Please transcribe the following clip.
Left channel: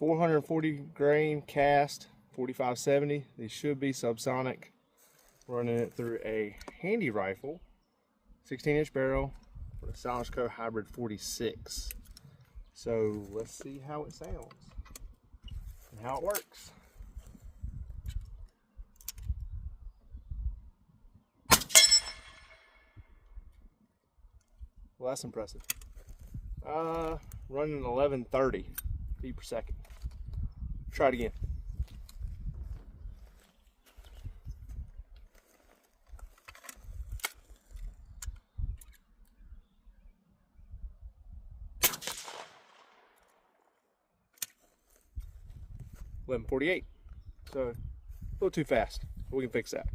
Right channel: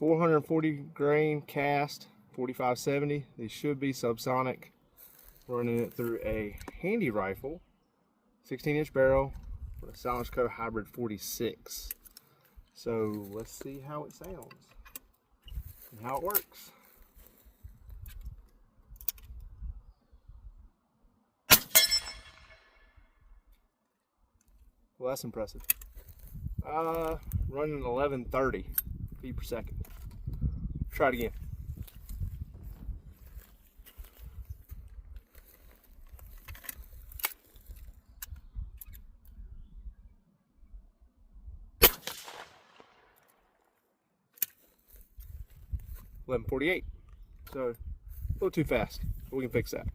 440 grain cast, 4570. These should be subsonic. Running it through a handy rifle, 16-inch barrel with a Silence Co. Hybrid 46. So let's see how it sounds and how it works. Well, that's impressive. Running 1130 feet per second. Try it again. .1148. So a little too fast, but we can fix that.